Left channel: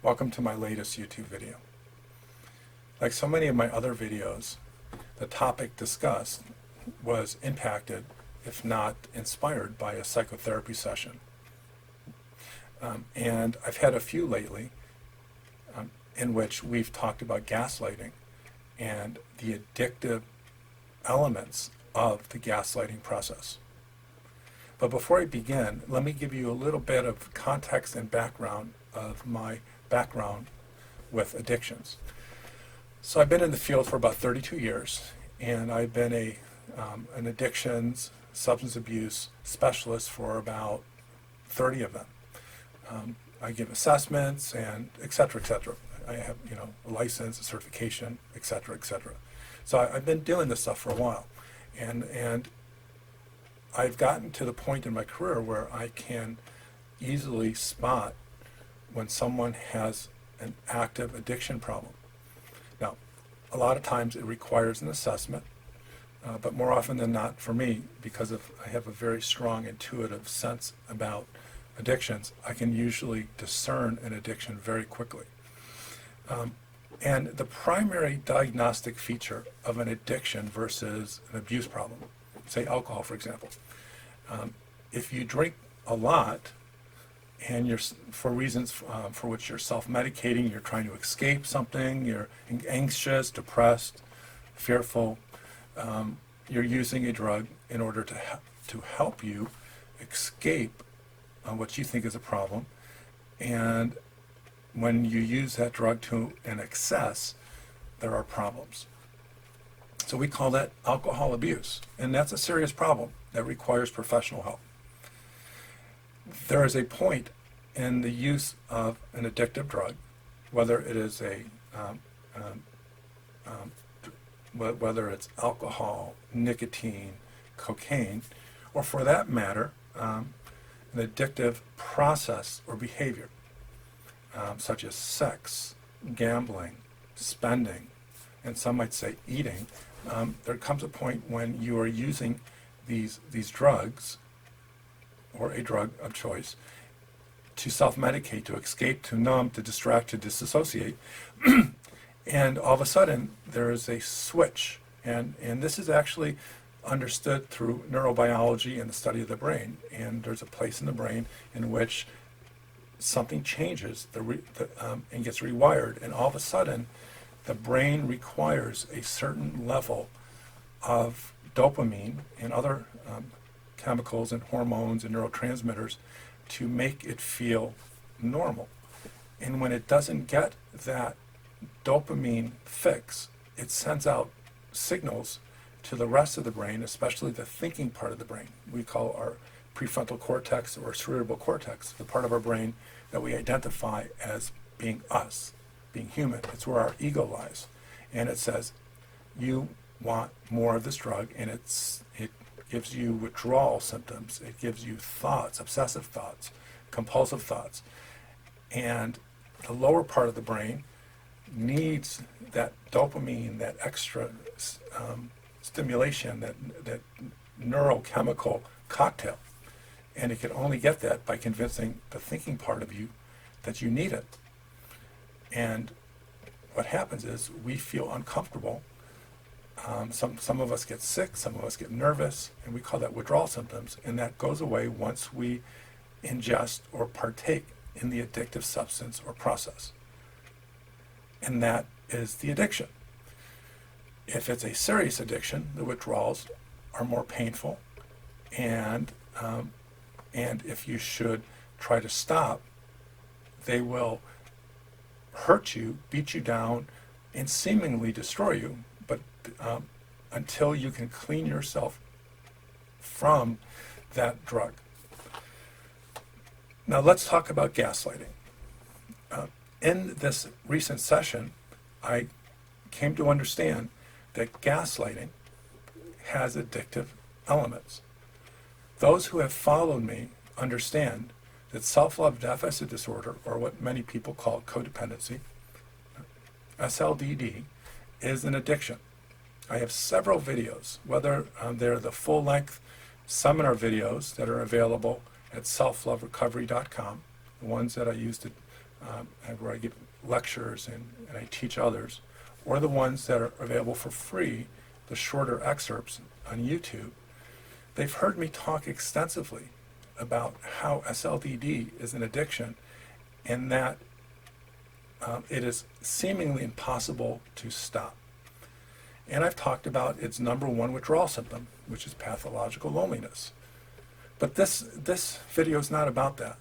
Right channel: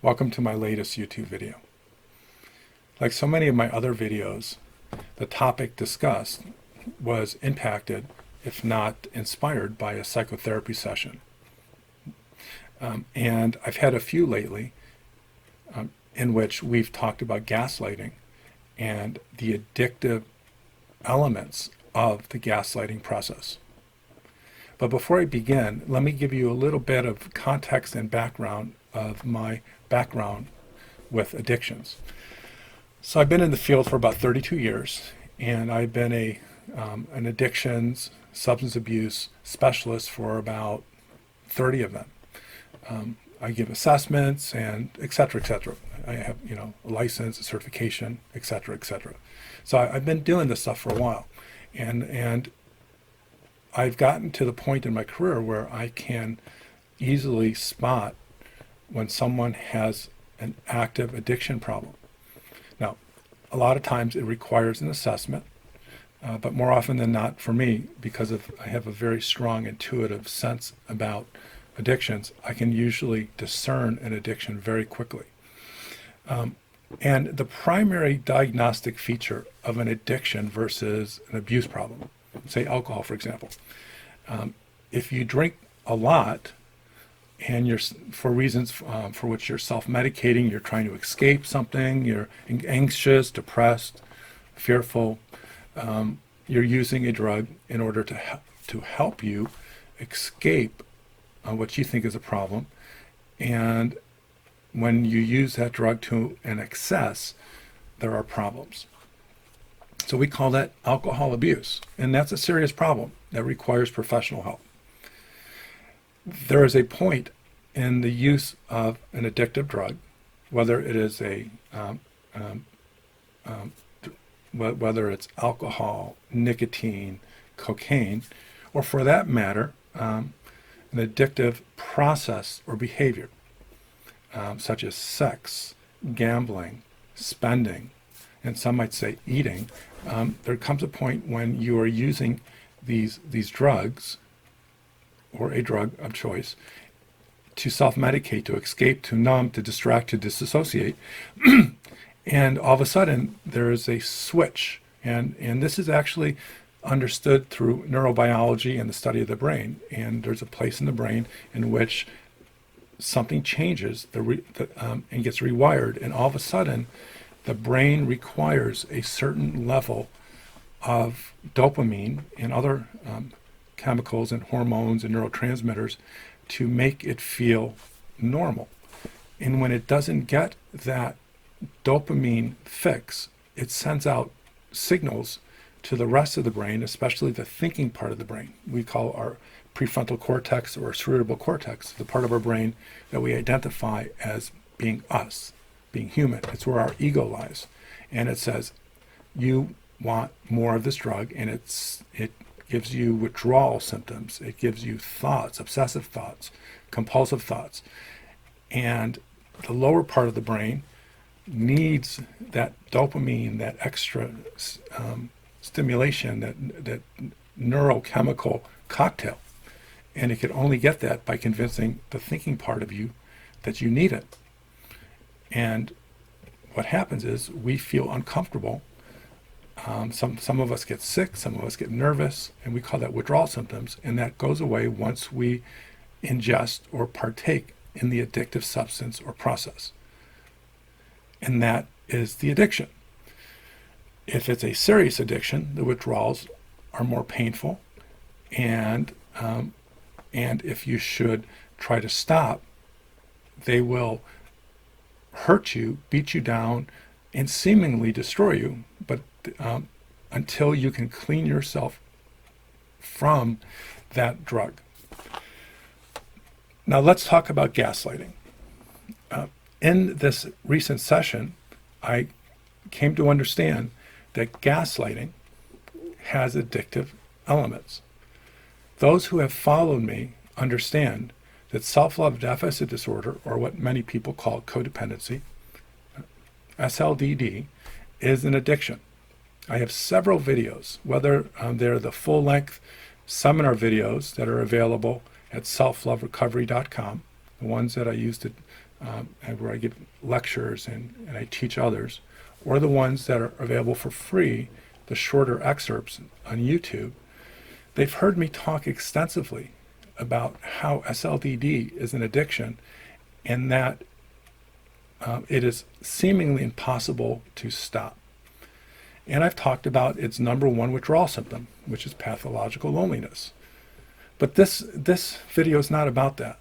Welcome to my latest YouTube video. Like so many of my other videos, the topic discussed was impacted, if not inspired, by a psychotherapy session. And I've had a few lately in which we've talked about gaslighting and the addictive elements of the gaslighting process. But before I begin, let me give you a little bit of context and background of my background with addictions. So I've been in the field for about 32 years, and I've been an addictions, substance abuse specialist for about 30 of them. I give assessments and et cetera, et cetera. I have, a license, a certification, et cetera, et cetera. So I've been doing this stuff for a while, and I've gotten to the point in my career where I can easily spot when someone has an active addiction problem. Now, a lot of times it requires an assessment, but more often than not for me, because I have a very strong intuitive sense about addictions, I can usually discern an addiction very quickly. And the primary diagnostic feature of an addiction versus an abuse problem, say alcohol, for example, if you drink a lot and you're, for reasons for which you're self-medicating, you're trying to escape something, you're anxious, depressed, fearful, you're using a drug in order to help you escape what you think is a problem. And when you use that drug to an excess, there are problems. So we call that alcohol abuse, and that's a serious problem that requires professional help. There is a point in the use of an addictive drug, whether it is whether it's alcohol, nicotine, cocaine, or for that matter, an addictive process or behavior, such as sex, gambling, spending, and some might say eating. There comes a point when you are using these drugs, or a drug of choice, to self-medicate, to escape, to numb, to distract, to disassociate. And all of a sudden, there is a switch. And this is actually understood through neurobiology and the study of the brain. And there's a place in the brain in which something changes and gets rewired. And all of a sudden, the brain requires a certain level of dopamine and other chemicals and hormones and neurotransmitters to make it feel normal. And when it doesn't get that dopamine fix, it sends out signals to the rest of the brain, especially the thinking part of the brain. We call our prefrontal cortex or cerebral cortex, the part of our brain that we identify as being us, being human. It's where our ego lies. And it says, you want more of this drug, and it gives you withdrawal symptoms. It gives you thoughts, obsessive thoughts, compulsive thoughts. And the lower part of the brain needs that dopamine, that extra stimulation, that neurochemical cocktail. And it can only get that by convincing the thinking part of you that you need it. And what happens is we feel uncomfortable. Some of us get sick, some of us get nervous, and we call that withdrawal symptoms, and that goes away once we ingest or partake in the addictive substance or process. And that is the addiction. If it's a serious addiction, the withdrawals are more painful, and if you should try to stop, they will hurt you, beat you down, and seemingly destroy you, but until you can clean yourself from that drug. Now let's talk about gaslighting. In this recent session, I came to understand that gaslighting has addictive elements. Those who have followed me understand that self-love deficit disorder, or what many people call codependency, SLDD, is an addiction. I have several videos, whether they're the full-length seminar videos that are available at selfloverecovery.com, the ones that I use to where I give lectures and I teach others, or the ones that are available for free, the shorter excerpts on YouTube, they've heard me talk extensively about how SLDD is an addiction and that it is seemingly impossible to stop. And I've talked about its number one withdrawal symptom, which is pathological loneliness. But this video is not about that.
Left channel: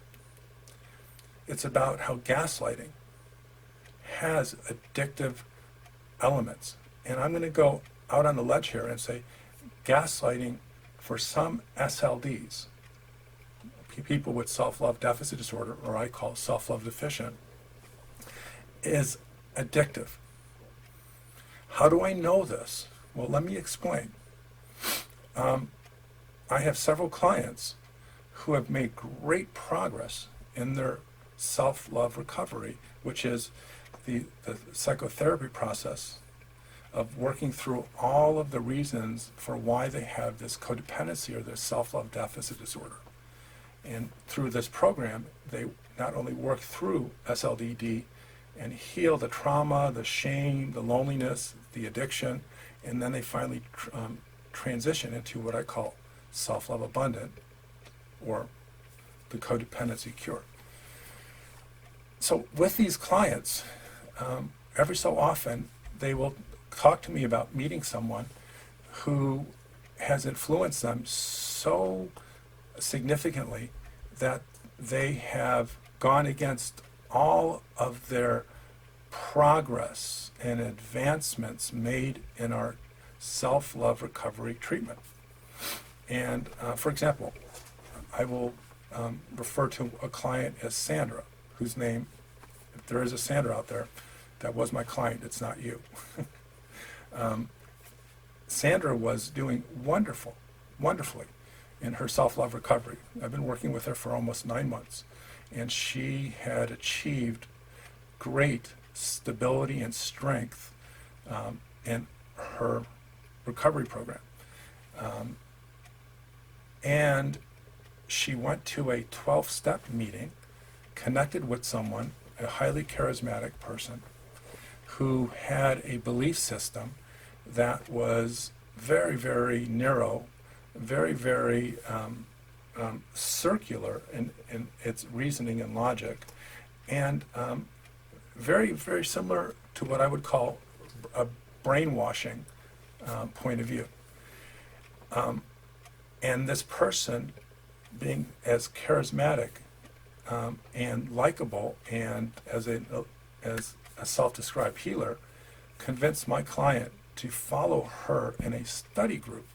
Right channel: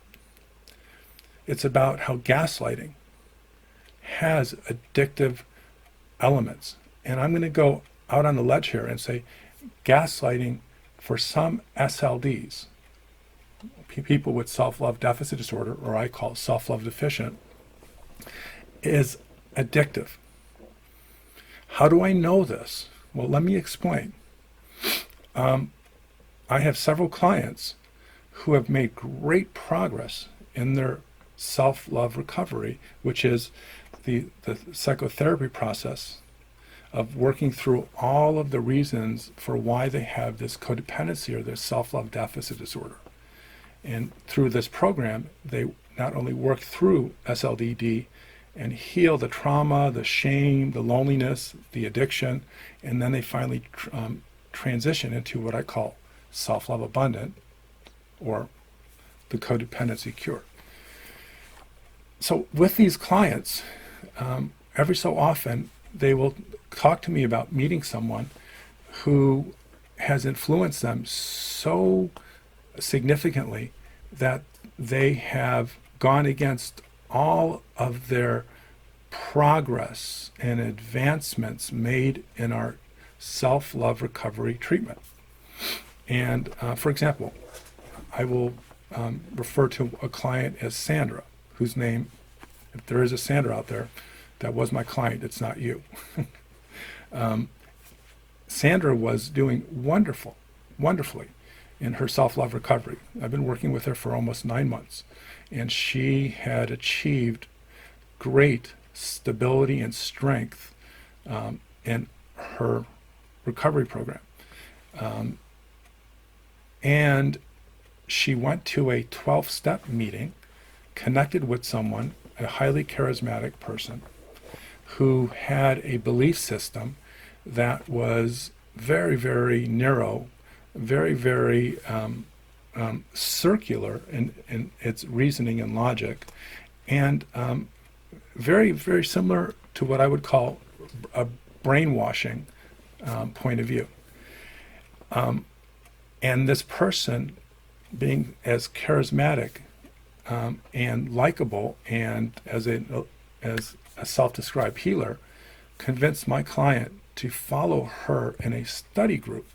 It's about how gaslighting has addictive elements. And I'm going to go out on the ledge here and say gaslighting for some SLDs, people with self-love deficit disorder, or I call self-love deficient, is addictive. How do I know this? Well, let me explain. I have several clients who have made great progress in their self-love recovery, which is the psychotherapy process of working through all of the reasons for why they have this codependency or this self-love deficit disorder. And through this program, they not only work through SLDD and heal the trauma, the shame, the loneliness, the addiction, and then they finally transition into what I call self-love abundant, or the codependency cure. So with these clients, every so often they will talk to me about meeting someone who has influenced them so significantly that they have gone against all of their progress and advancements made in our self-love recovery treatment. And for example, I will refer to a client as Sandra, whose name, if there is a Sandra out there, that was my client, it's not you. Sandra was doing wonderfully in her self-love recovery. I've been working with her for almost 9 months, and she had achieved great stability and strength in her recovery program. And she went to a 12-step meeting, connected with someone, a highly charismatic person, who had a belief system that was very narrow, very circular in its reasoning and logic, and very similar to what I would call a brainwashing point of view. And this person, being as charismatic and likable, and as a self-described healer, convinced my client to follow her in a study group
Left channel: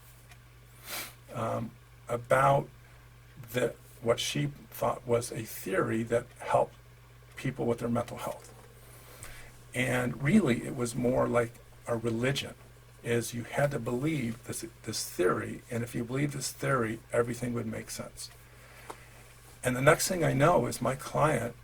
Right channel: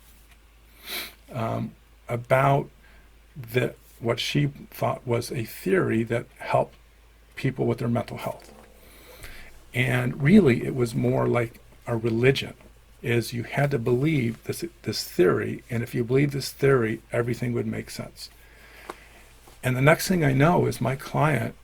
about what she thought was a theory that helped people with their mental health. And really, it was more like a religion, is you had to believe this theory, and if you believe this theory, everything would make sense. And the next thing I know is my client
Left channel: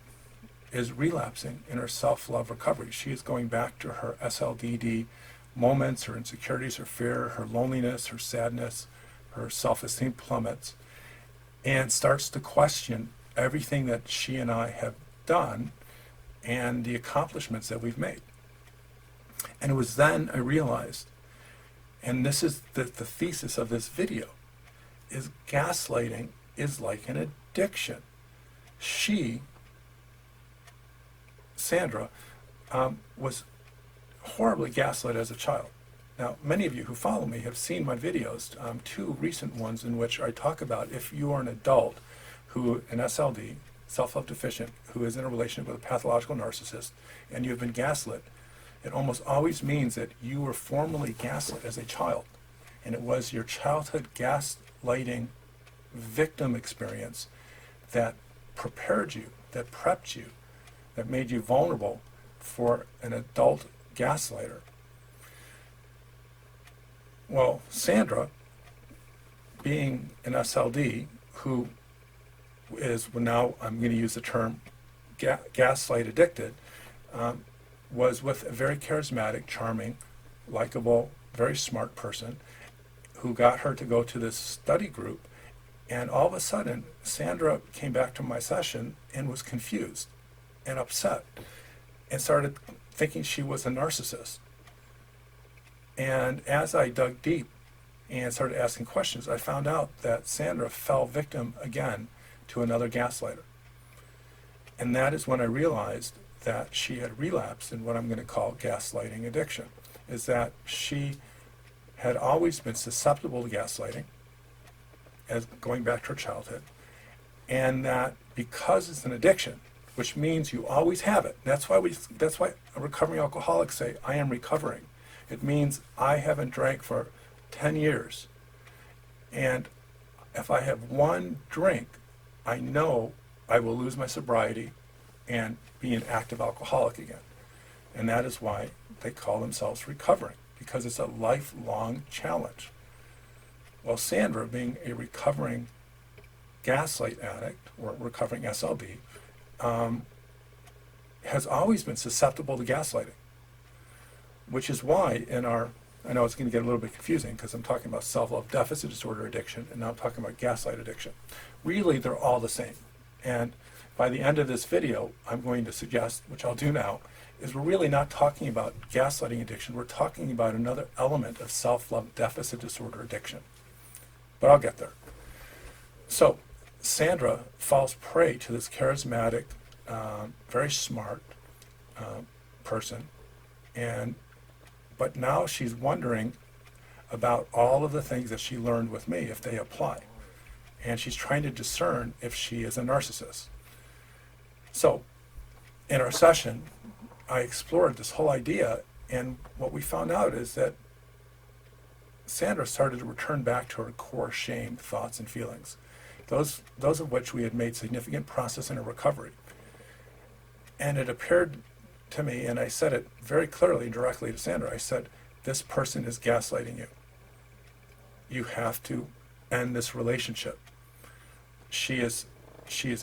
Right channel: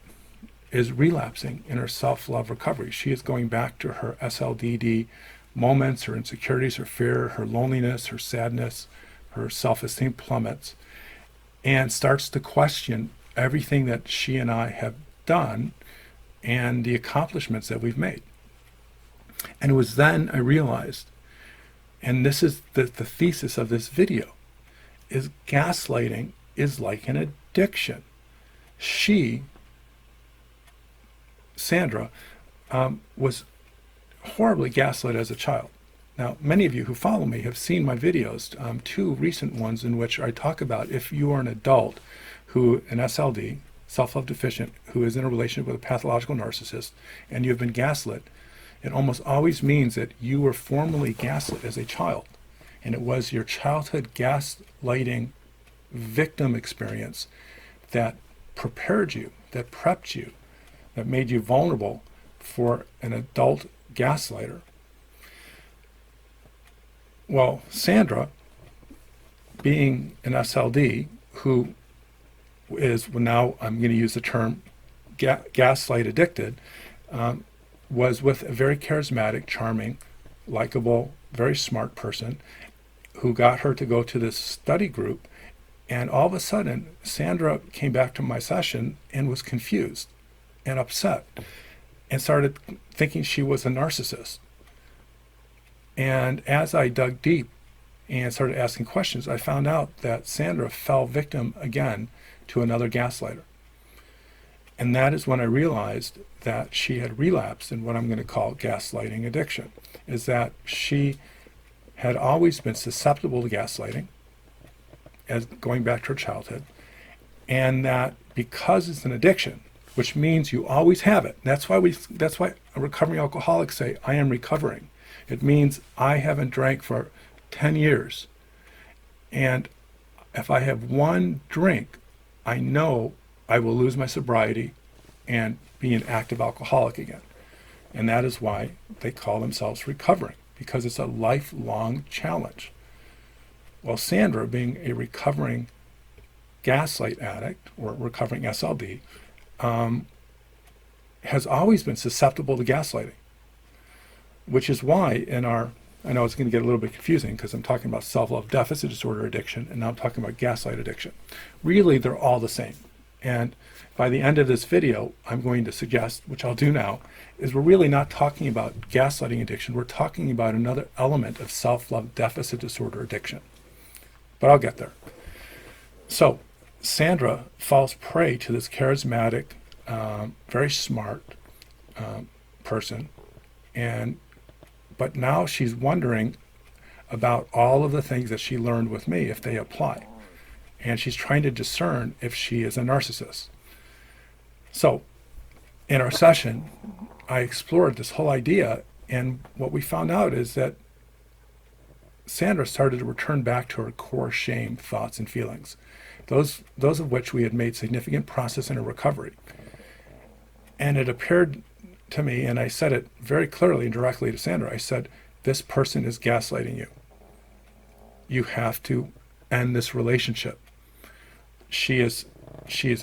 is relapsing in her self-love recovery. She is going back to her SLDD moments, her insecurities, her fear, her loneliness, her sadness, her self-esteem plummets, and starts to question everything that she and I have done and the accomplishments that we've made. And it was then I realized, and this is the thesis of this video, is gaslighting is like an addiction. She, Sandra, was horribly gaslit as a child. Now, many of you who follow me have seen my videos, 2 recent ones in which I talk about if you are an adult who, an SLD, self-love deficient, who is in a relationship with a pathological narcissist, and you have been gaslit, it almost always means that you were formerly gaslit as a child. And it was your childhood gaslighting victim experience that prepared you, that prepped you, that made you vulnerable for an adult gaslighter. Well, Sandra, being an SLD, who is, well, now I'm going to use the term gaslight addicted, was with a very charismatic, charming, likable, very smart person who got her to go to this study group. And all of a sudden, Sandra came back to my session and was confused. and upset and started thinking she was a narcissist. And as I dug deep and started asking questions, I found out that Sandra fell victim again to another gaslighter. And that is when I realized that she had relapsed in what I'm going to call gaslighting addiction, is that she had always been susceptible to gaslighting, as going back to her childhood, and that because it's an addiction, which means you always have it. That's why recovering alcoholics say, I am recovering. It means I haven't drank for 10 years. And if I have one drink, I know I will lose my sobriety and be an active alcoholic again. And that is why they call themselves recovering, because it's a lifelong challenge. Well, Sandra, being a recovering gaslight addict or recovering SLD, has always been susceptible to gaslighting, which is why I know it's going to get a little bit confusing because I'm talking about self-love deficit disorder addiction and now I'm talking about gaslight addiction. Really, they're all the same. And by the end of this video, I'm going to suggest, which I'll do now, is we're really not talking about gaslighting addiction. We're talking about another element of self-love deficit disorder addiction. But I'll get there. So Sandra falls prey to this charismatic, very smart person, but now she's wondering about all of the things that she learned with me if they apply, and she's trying to discern if she is a narcissist. So in our session, I explored this whole idea, and what we found out is that Sandra started to return back to her core shame thoughts and feelings, those of which we had made significant process in her recovery. And it appeared to me, and I said it very clearly and directly to Sandra, I said, this person is gaslighting you. You have to end this relationship. She is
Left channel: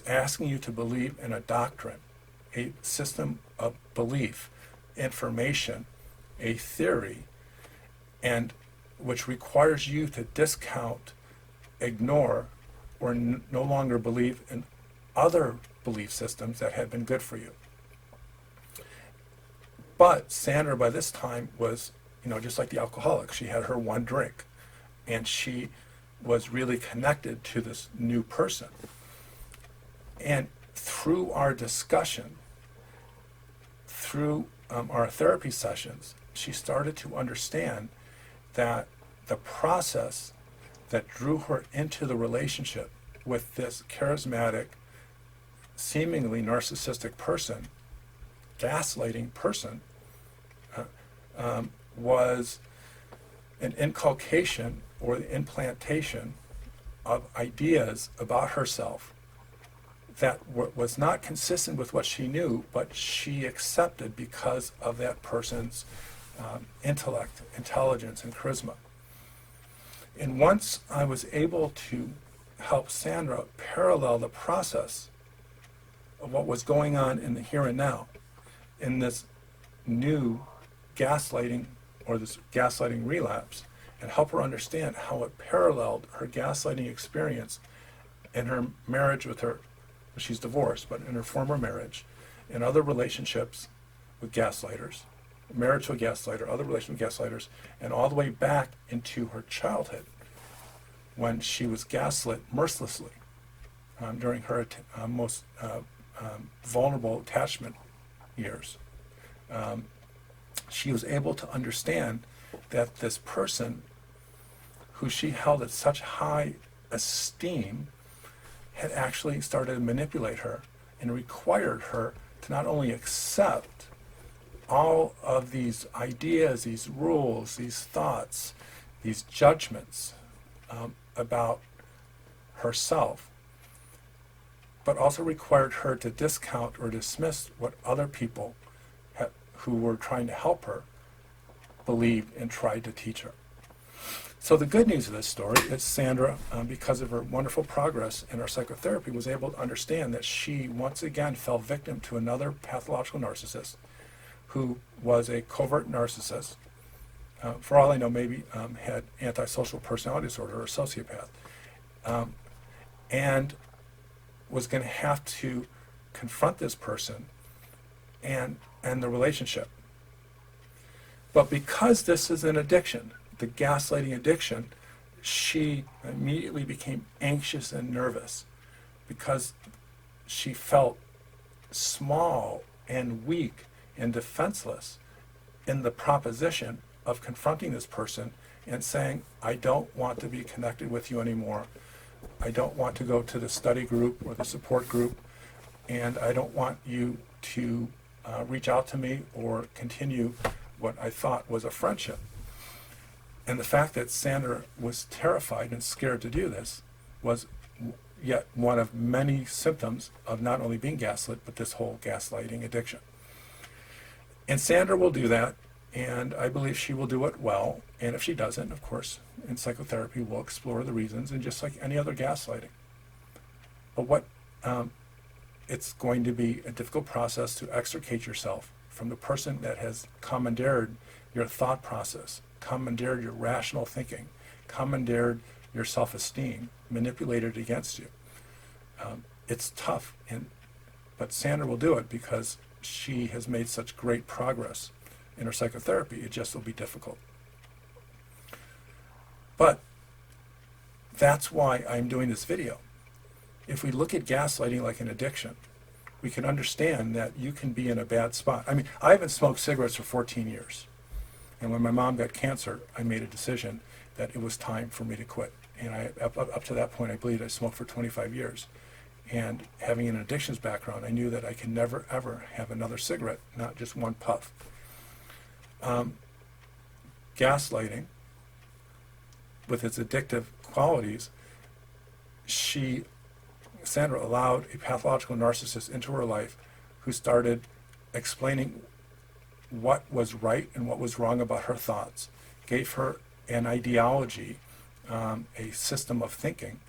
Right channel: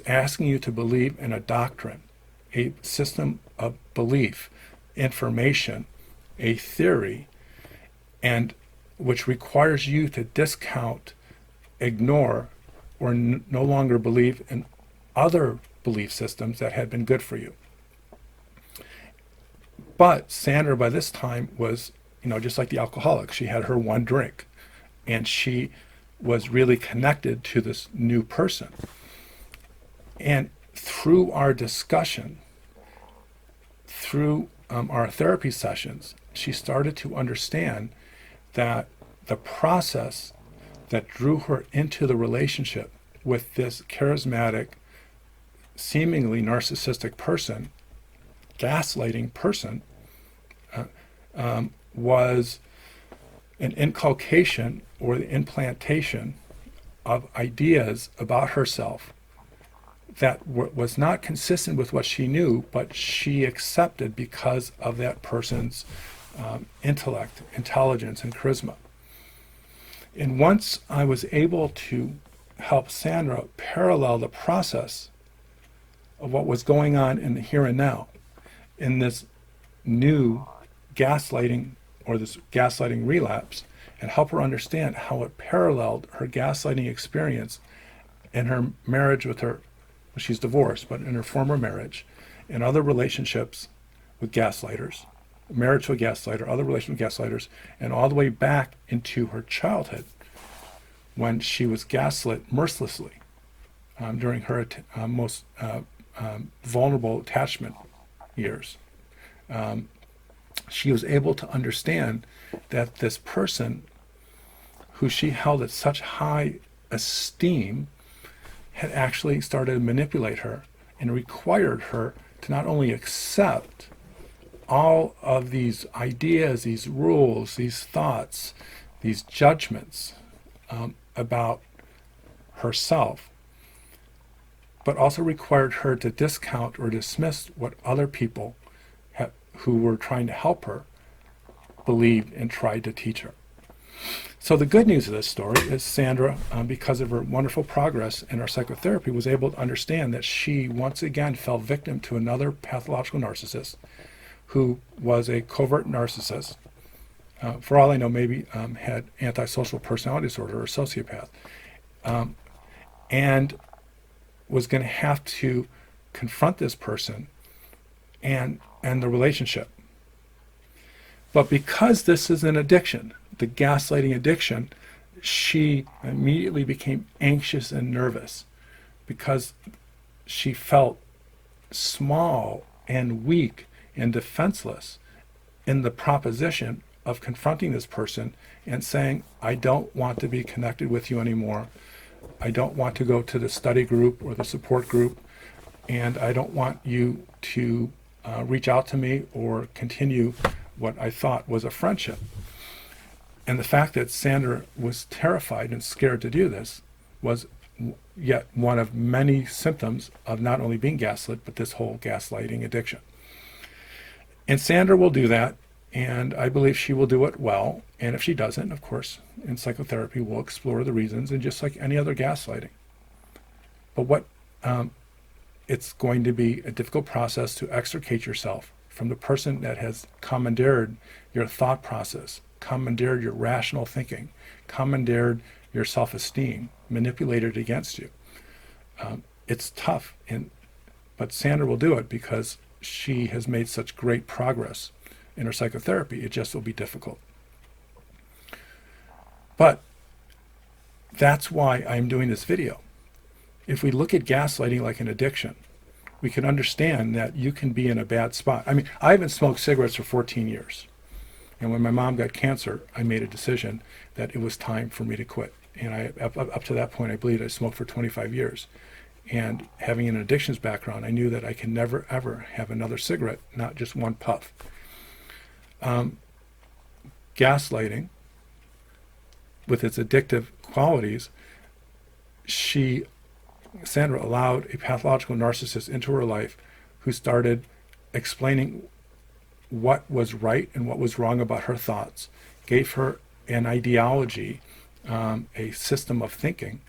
asking you to believe in a doctrine, a system of belief, information, a theory, and which requires you to discount, ignore, or no longer believe in other belief systems that had been good for you. But Sandra, by this time, was, just like the alcoholic. She had her one drink, and she was really connected to this new person. And through our discussion, through our therapy sessions, she started to understand that the process that drew her into the relationship with this charismatic, seemingly narcissistic person, gaslighting person, was an inculcation or the implantation of ideas about herself that was not consistent with what she knew, but she accepted because of that person's intellect, intelligence, and charisma. And once I was able to help Sandra parallel the process of what was going on in the here and now, in this new gaslighting or this gaslighting relapse, and help her understand how it paralleled her gaslighting experience in her marriage with her, well, she's divorced, but in her former marriage, and other relationships with gaslighters, marriage to a gaslighter, other relationships with gaslighters, and all the way back into her childhood when she was gaslit mercilessly during her most vulnerable attachment years. She was able to understand that this person who she held at such high esteem had actually started to manipulate her and required her to not only accept all of these ideas, these rules, these thoughts, these judgments about herself, but also required her to discount or dismiss what other people who were trying to help her believed and tried to teach her. So the good news of this story is Sandra, because of her wonderful progress in our psychotherapy, was able to understand that she once again fell victim to another pathological narcissist who was a covert narcissist. For all I know, maybe had antisocial personality disorder or a sociopath, and was going to have to confront this person and the relationship. But because this is an addiction, the gaslighting addiction, she immediately became anxious and nervous because she felt small and weak and defenseless in the proposition of confronting this person and saying, I don't want to be connected with you anymore. I don't want to go to the study group or the support group, and I don't want you to reach out to me or continue what I thought was a friendship. And the fact that Sandra was terrified and scared to do this was yet one of many symptoms of not only being gaslit, but this whole gaslighting addiction. And Sandra will do that, and I believe she will do it well. And if she doesn't, of course, in psychotherapy, we'll explore the reasons, and just like any other gaslighting. But it's going to be a difficult process to extricate yourself from the person that has commandeered your thought process, commandeered your rational thinking, commandeered your self-esteem, manipulated against you. It's tough, but Sandra will do it because she has made such great progress in her psychotherapy. It just will be difficult. But that's why I'm doing this video. If we look at gaslighting like an addiction, we can understand that you can be in a bad spot. I mean, I haven't smoked cigarettes for 14 years. And when my mom got cancer, I made a decision that it was time for me to quit. And up to that point, I believed I smoked for 25 years. And having an addictions background, I knew that I can never, ever have another cigarette, not just one puff. Gaslighting, with its addictive qualities, Sandra allowed a pathological narcissist into her life who started explaining what was right and what was wrong about her thoughts, gave her an ideology, a system of thinking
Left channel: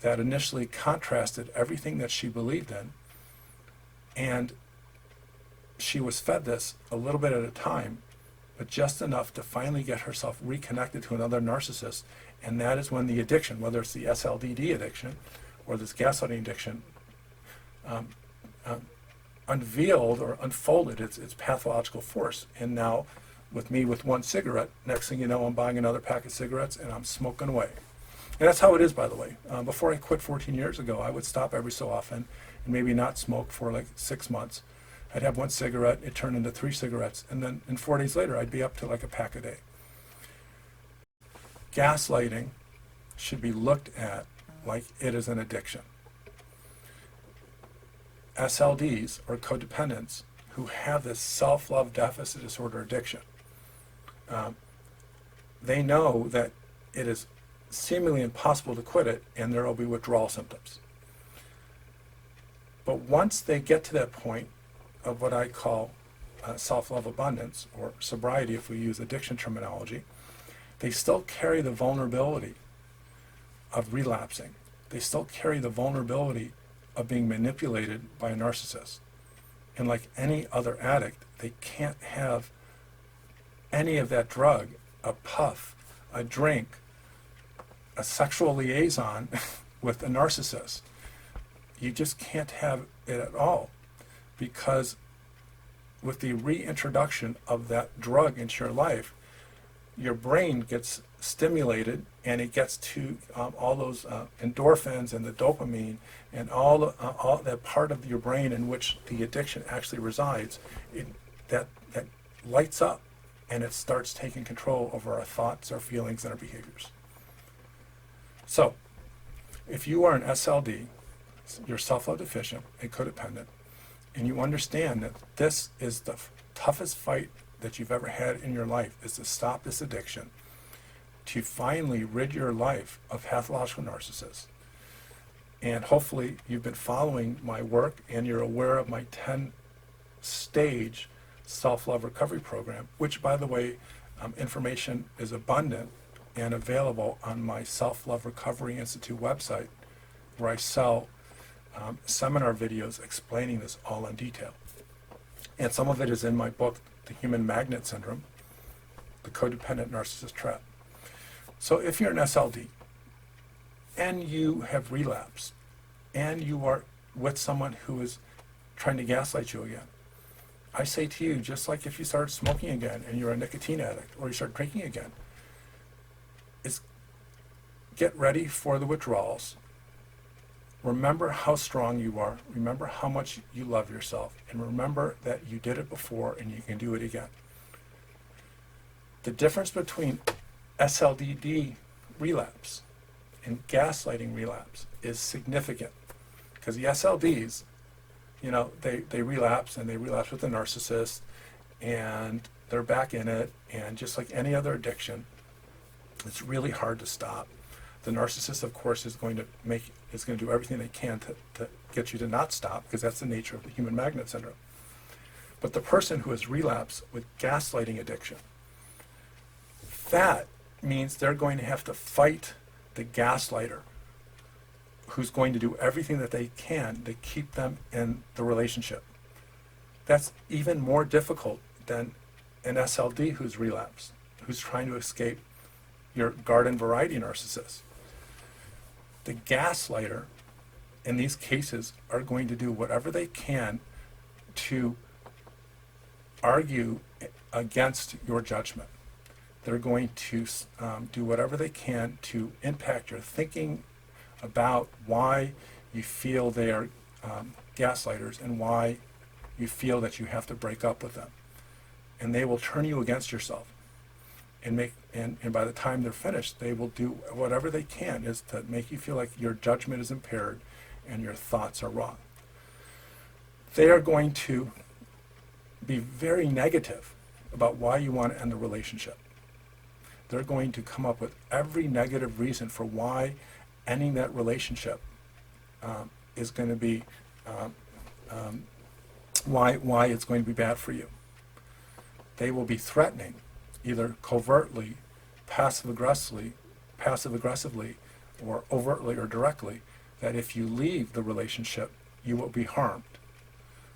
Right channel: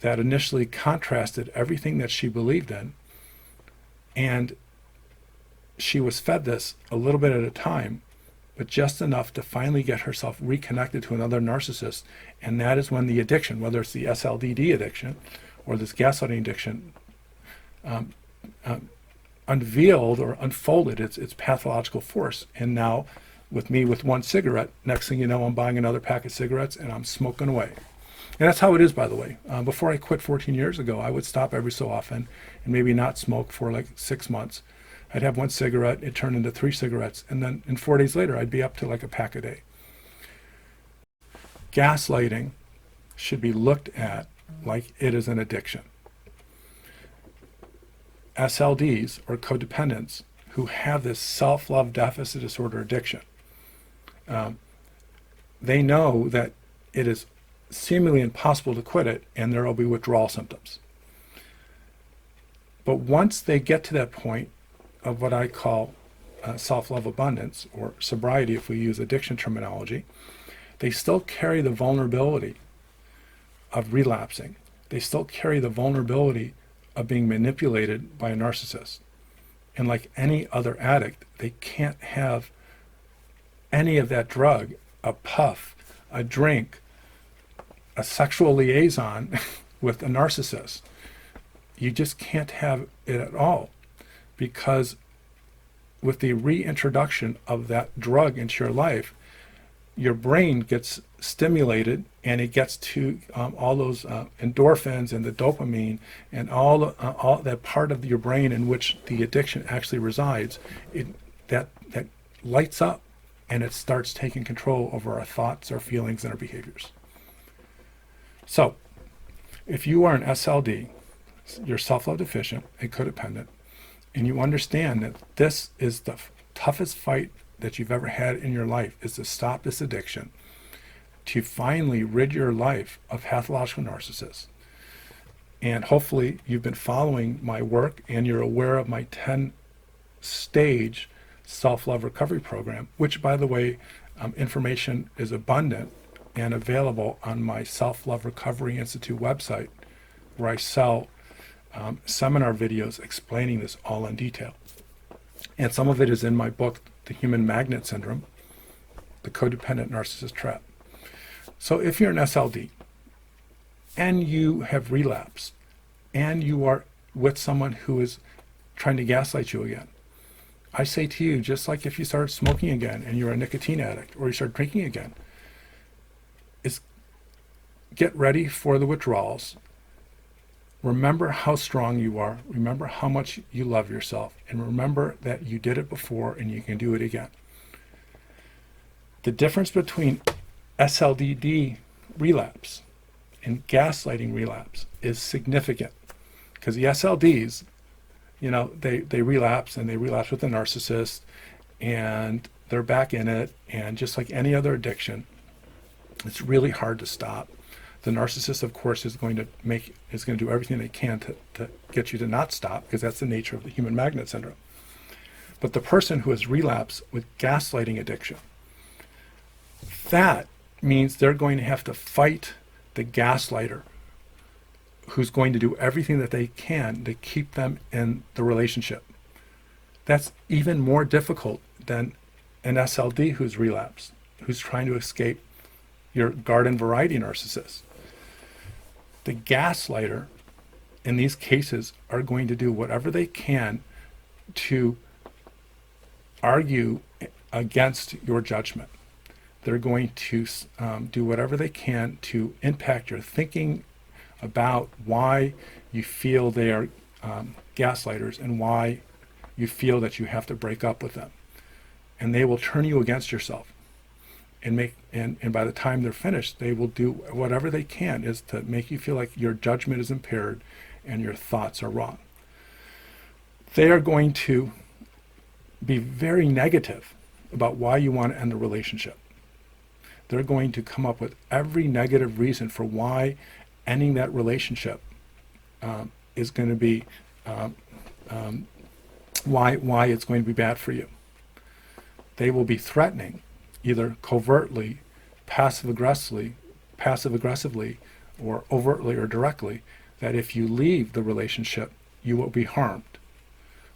that initially contrasted everything that she believed in. And she was fed this a little bit at a time, but just enough to finally get herself reconnected to another narcissist. And that is when the addiction, whether it's the SLDD addiction or this gaslighting addiction, unveiled or unfolded its pathological force. And now, with me with one cigarette, next thing you know, I'm buying another pack of cigarettes and I'm smoking away. And that's how it is, by the way. Before I quit 14 years ago, I would stop every so often and maybe not smoke for like 6 months. I'd have one cigarette, it turned into 3 cigarettes, and then in 4 days later, I'd be up to like a pack a day. Gaslighting should be looked at like it is an addiction. SLDs, or codependents, who have this self-love deficit disorder addiction, they know that it is seemingly impossible to quit it, and there will be withdrawal symptoms. But once they get to that point of what I call self-love abundance, or sobriety if we use addiction terminology, they still carry the vulnerability of relapsing. They still carry the vulnerability of being manipulated by a narcissist. And like any other addict, they can't have any of that drug, a puff, a drink, a sexual liaison with a narcissist. You just can't have it at all, because with the reintroduction of that drug into your life, your brain gets stimulated and it gets to all those endorphins and the dopamine and all that part of your brain in which the addiction actually resides. That lights up and it starts taking control over our thoughts, our feelings, and our behaviors. So, if you are an SLD, you're self-love deficient and codependent, and you understand that this is the toughest fight that you've ever had in your life, is to stop this addiction, to finally rid your life of pathological narcissists. And hopefully you've been following my work and you're aware of my 10-stage self-love recovery program, which, by the way, information is abundant and available on my Self-Love Recovery Institute website, where I sell seminar videos explaining this all in detail. And some of it is in my book, The Human Magnet Syndrome, The Codependent Narcissist Trap. So if you're an SLD and you have relapsed and you are with someone who is trying to gaslight you again, I say to you, just like if you started smoking again and you're a nicotine addict, or you start drinking again, is get ready for the withdrawals. Remember how strong you are. Remember how much you love yourself. And remember that you did it before and you can do it again. The difference between SLDD relapse and gaslighting relapse is significant. Because the SLDs, they relapse, and they relapse with a narcissist, and they're back in it. And just like any other addiction, it's really hard to stop. The narcissist, of course, is going to do everything they can to get you to not stop, because that's the nature of the human magnet syndrome. But the person who has relapsed with gaslighting addiction, that means they're going to have to fight the gaslighter, who's going to do everything that they can to keep them in the relationship. That's even more difficult than an SLD who's relapsed, who's trying to escape your garden variety narcissist. The gaslighter in these cases are going to do whatever they can to argue against your judgment. They're going to do whatever they can to impact your thinking about why you feel they are gaslighters and why you feel that you have to break up with them. And they will turn you against yourself. And by the time they're finished, they will do whatever they can is to make you feel like your judgment is impaired and your thoughts are wrong. They are going to be very negative about why you want to end the relationship. They're going to come up with every negative reason for why ending that relationship is going to be why it's going to be bad for you. They will be threatening, either covertly, passive aggressively, or overtly or directly, that if you leave the relationship, you will be harmed.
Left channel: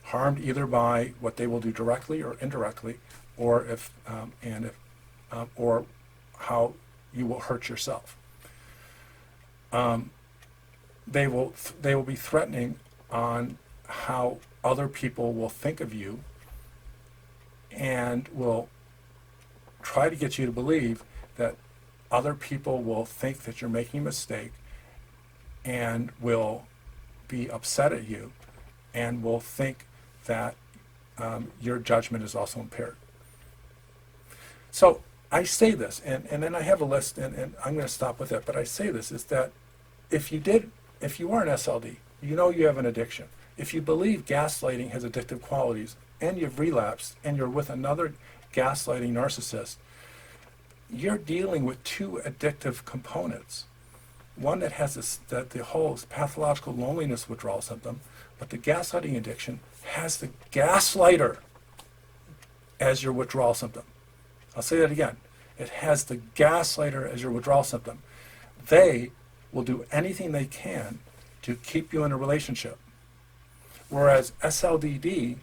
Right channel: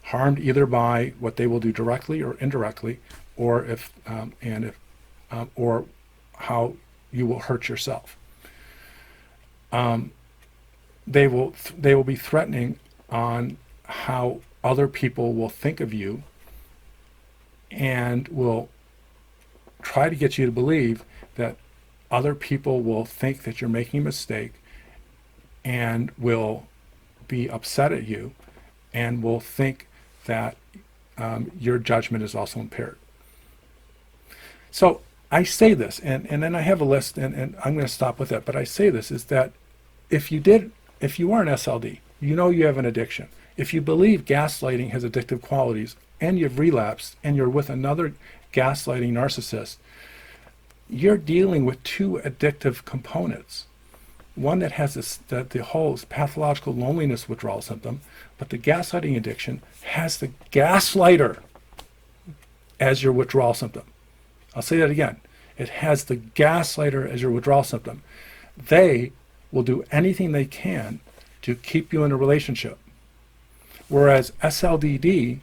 Harmed either by what they will do directly or indirectly, or or how you will hurt yourself. They will be threatening on how other people will think of you, and will try to get you to believe that other people will think that you're making a mistake and will be upset at you and will think that your judgment is also impaired. So I say this, and then I have a list, and I'm going to stop with that, but I say this, is that if you are an SLD, you know you have an addiction. If you believe gaslighting has addictive qualities and you've relapsed and you're with another gaslighting narcissist, you're dealing with two addictive components. One that has the whole pathological loneliness withdrawal symptom, but the gaslighting addiction has the gaslighter as your withdrawal symptom. I'll say that again. It has the gaslighter as your withdrawal symptom. They will do anything they can to keep you in a relationship. Whereas SLDD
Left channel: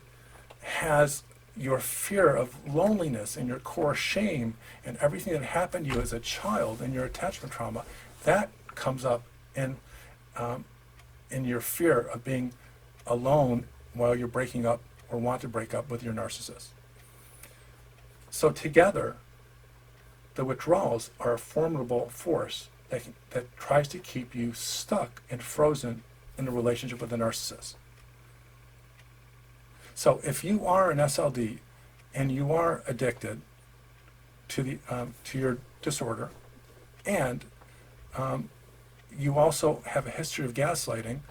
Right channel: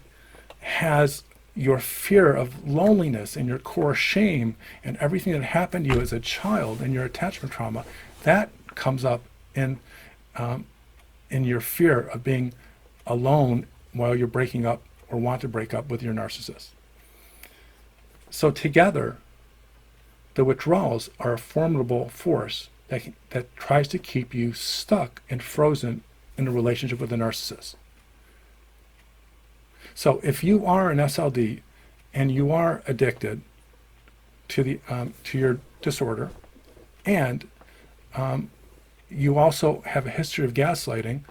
has your fear of loneliness and your core shame and everything that happened to you as a child and your attachment trauma, that comes up in your fear of being alone while you're breaking up or want to break up with your narcissist. So together, the withdrawals are a formidable force that tries to keep you stuck and frozen in a relationship with a narcissist. So if you are an SLD and you are addicted to your disorder, and you also have a history of gaslighting,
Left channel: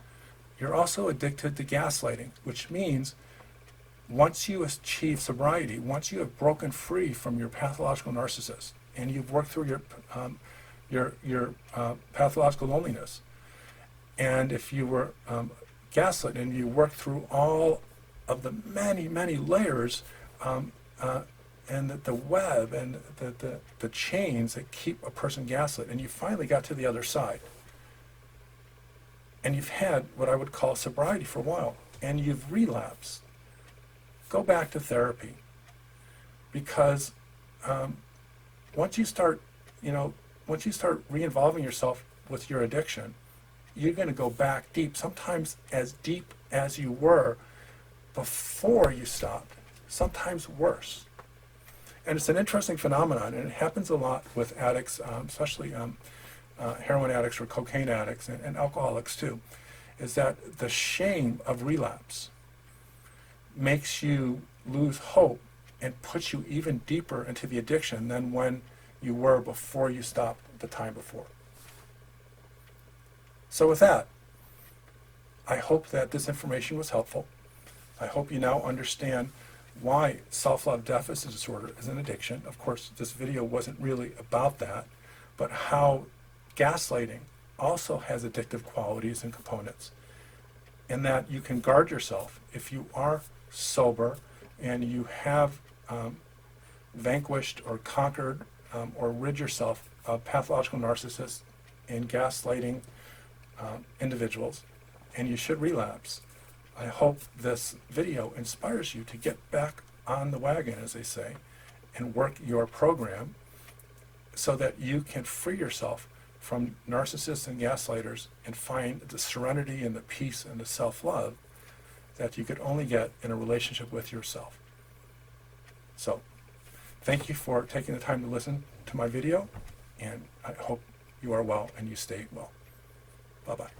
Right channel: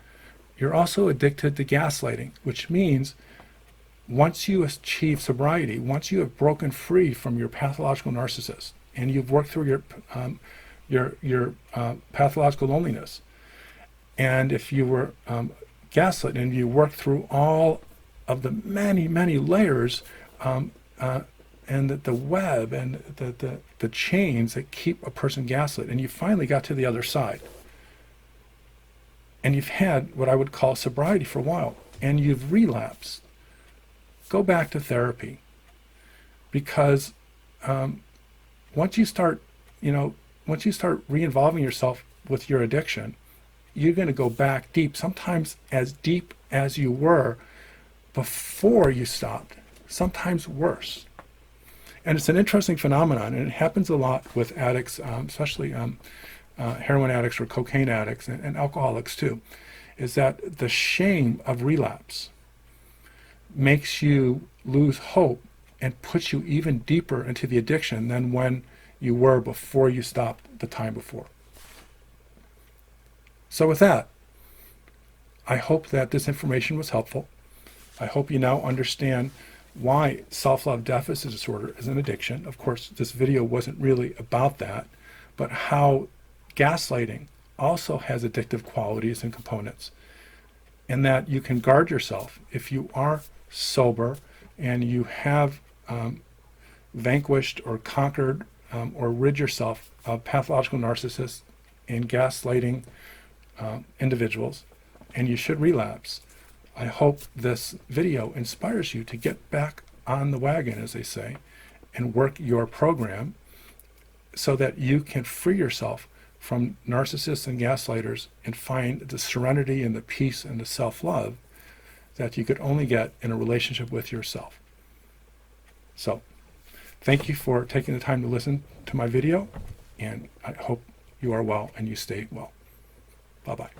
you're also addicted to gaslighting, which means once you achieve sobriety, once you have broken free from your pathological narcissist, and you've worked through your pathological loneliness, and if you were gaslit and you worked through all of the many, many layers and the web and the chains that keep a person gaslit, and you finally got to the other side, and you've had what I would call sobriety for a while, and you've relapsed, go back to therapy. Because once you start re-involving yourself with your addiction, you're going to go back deep, sometimes as deep as you were before you stopped. sometimes worse. And it's an interesting phenomenon, and it happens a lot with addicts, especially heroin addicts or cocaine addicts and alcoholics too, is that the shame of relapse makes you lose hope and puts you even deeper into the addiction than when you were before you stopped the time before. So with that, I hope that this information was helpful. I hope you now understand why self-love deficit disorder is an addiction. Of course, this video wasn't really about that, but how gaslighting also has addictive qualities and components, and that you can guard yourself if you are sober and you have vanquished or conquered or rid yourself of pathological narcissists and gaslighting individuals, and you should relapse. I hope this video inspires you to get back on the wagon, as they say, and work your program so that you can free yourself from narcissists and gaslighters and find the serenity and the peace and the self-love that you could only get in a relationship with yourself. So, thank you for taking the time to listen to my video, and I hope you are well and you stay well. Bye-bye.